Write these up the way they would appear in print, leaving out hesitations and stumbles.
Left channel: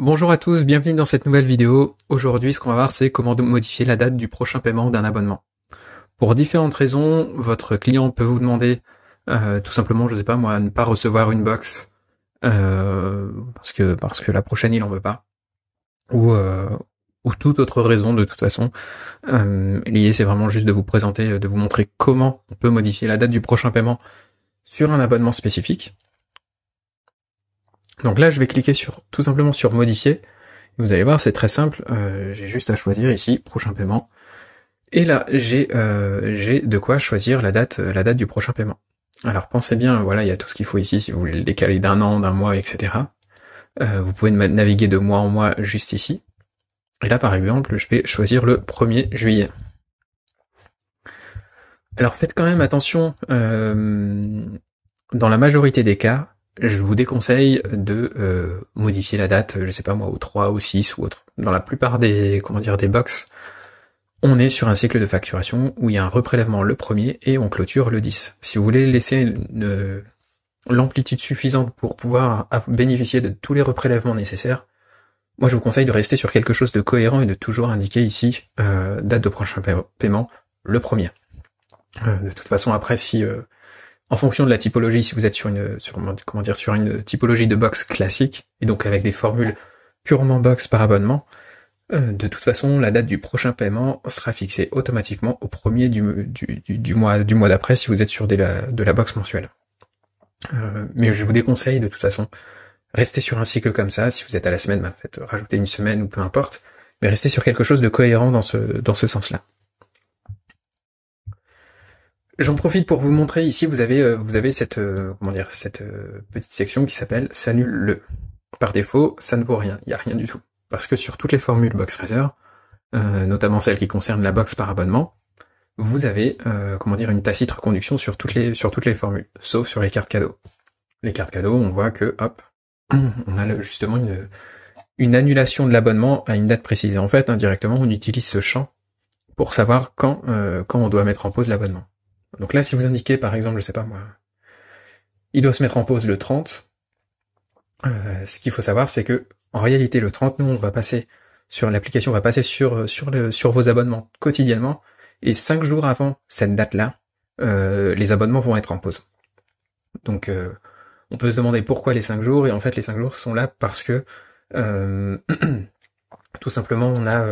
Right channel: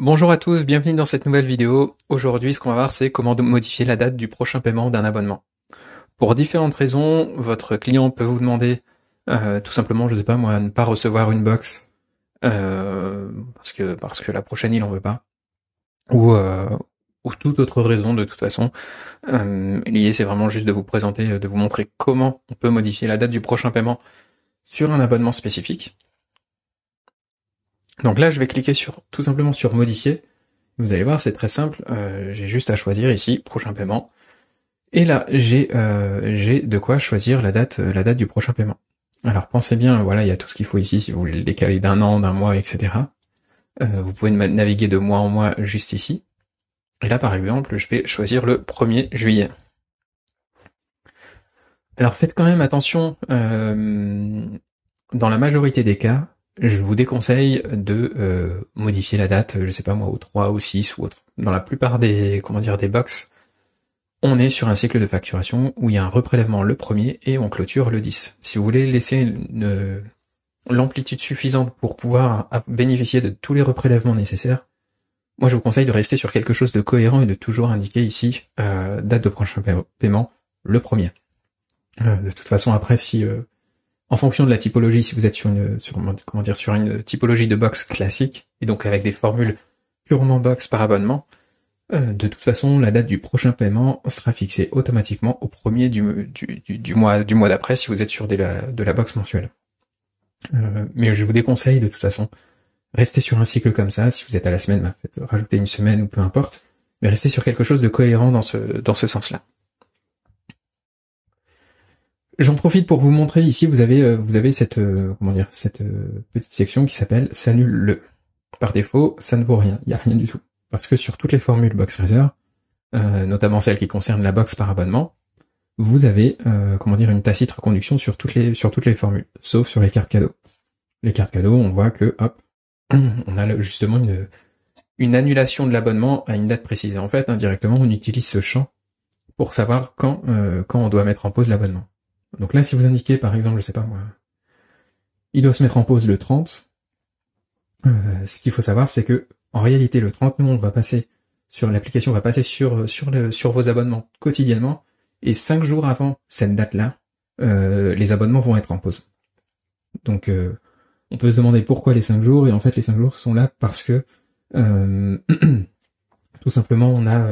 Bonjour à tous, bienvenue dans cette nouvelle vidéo. Aujourd'hui, ce qu'on va voir, c'est comment modifier la date du prochain paiement d'un abonnement. Pour différentes raisons, votre client peut vous demander tout simplement, je sais pas moi, ne pas recevoir une box parce que la prochaine il en veut pas, ou toute autre raison de toute façon. L'idée c'est vraiment juste de vous présenter, de vous montrer comment on peut modifier la date du prochain paiement sur un abonnement spécifique. Donc là, je vais cliquer tout simplement sur modifier. Vous allez voir, c'est très simple. J'ai juste à choisir ici prochain paiement. Et là, j'ai de quoi choisir la date du prochain paiement. Alors pensez bien, voilà, il y a tout ce qu'il faut ici si vous voulez le décaler d'un an, d'un mois, etc. Vous pouvez naviguer de mois en mois juste ici. Et là, par exemple, je vais choisir le 1er juillet. Alors faites quand même attention, dans la majorité des cas, je vous déconseille de modifier la date, je sais pas moi, au 3, au 6 ou autre. Dans la plupart des box, on est sur un cycle de facturation où il y a un reprélèvement le 1er et on clôture le 10. Si vous voulez laisser l'amplitude suffisante pour pouvoir bénéficier de tous les reprélèvements nécessaires, moi je vous conseille de rester sur quelque chose de cohérent et de toujours indiquer ici date de prochain paiement le 1er. De toute façon, après, si en fonction de la typologie, si vous êtes sur une typologie de box classique, et donc avec des formules purement box par abonnement, de toute façon, la date du prochain paiement sera fixée automatiquement au 1er du mois d'après si vous êtes sur de la box mensuelle. Mais je vous déconseille de toute façon, restez sur un cycle comme ça. Si vous êtes à la semaine, faites rajouter une semaine ou peu importe, mais restez sur quelque chose de cohérent dans ce sens-là. J'en profite pour vous montrer ici, vous avez cette petite section qui s'appelle s'annule-le. Par défaut, ça ne vaut rien, il n'y a rien du tout. Parce que sur toutes les formules BoxRaiser, notamment celles qui concernent la box par abonnement, vous avez une tacite reconduction sur toutes les formules, sauf sur les cartes cadeaux. Les cartes cadeaux, on voit que hop, on a justement une annulation de l'abonnement à une date précise. En fait, indirectement, on utilise ce champ pour savoir quand on doit mettre en pause l'abonnement. Donc là, si vous indiquez, par exemple, je sais pas moi, il doit se mettre en pause le 30, ce qu'il faut savoir, c'est que, en réalité, le 30, nous, l'application va passer sur vos abonnements quotidiennement, et 5 jours avant cette date-là, les abonnements vont être en pause. Donc, on peut se demander pourquoi les 5 jours, et en fait, les 5 jours sont là parce que, tout simplement, on a,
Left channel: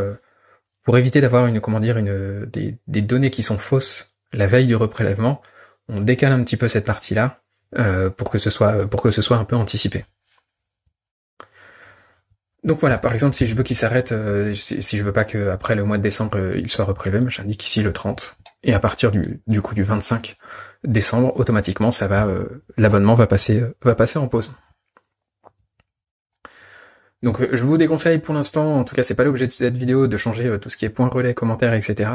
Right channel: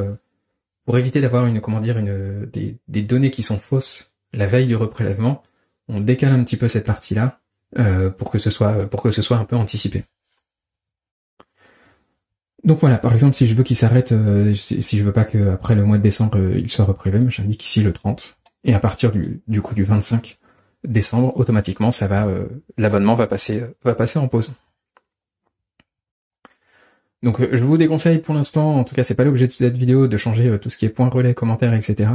pour éviter d'avoir des données qui sont fausses la veille du reprélèvement, on décale un petit peu cette partie-là pour que ce soit un peu anticipé. Donc voilà, par exemple, si je veux qu'il s'arrête, si je veux pas qu'après le mois de décembre il soit reprélevé, j'indique ici le 30, et à partir du 25 décembre, automatiquement, l'abonnement va passer en pause. Donc je vous déconseille pour l'instant, en tout cas c'est pas l'objet de cette vidéo, de changer tout ce qui est points relais, commentaires, etc.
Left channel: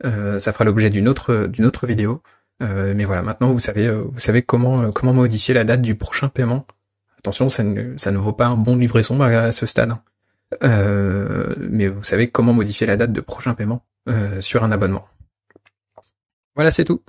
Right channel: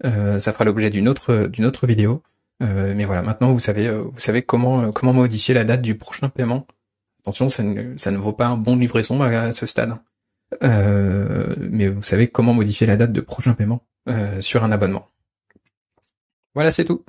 Ça fera l'objet d'une autre vidéo. Mais voilà, maintenant vous savez comment modifier la date du prochain paiement. Attention, ça ne vaut pas un bon de livraison à ce stade. Mais vous savez comment modifier la date de prochain paiement sur un abonnement. Voilà, c'est tout.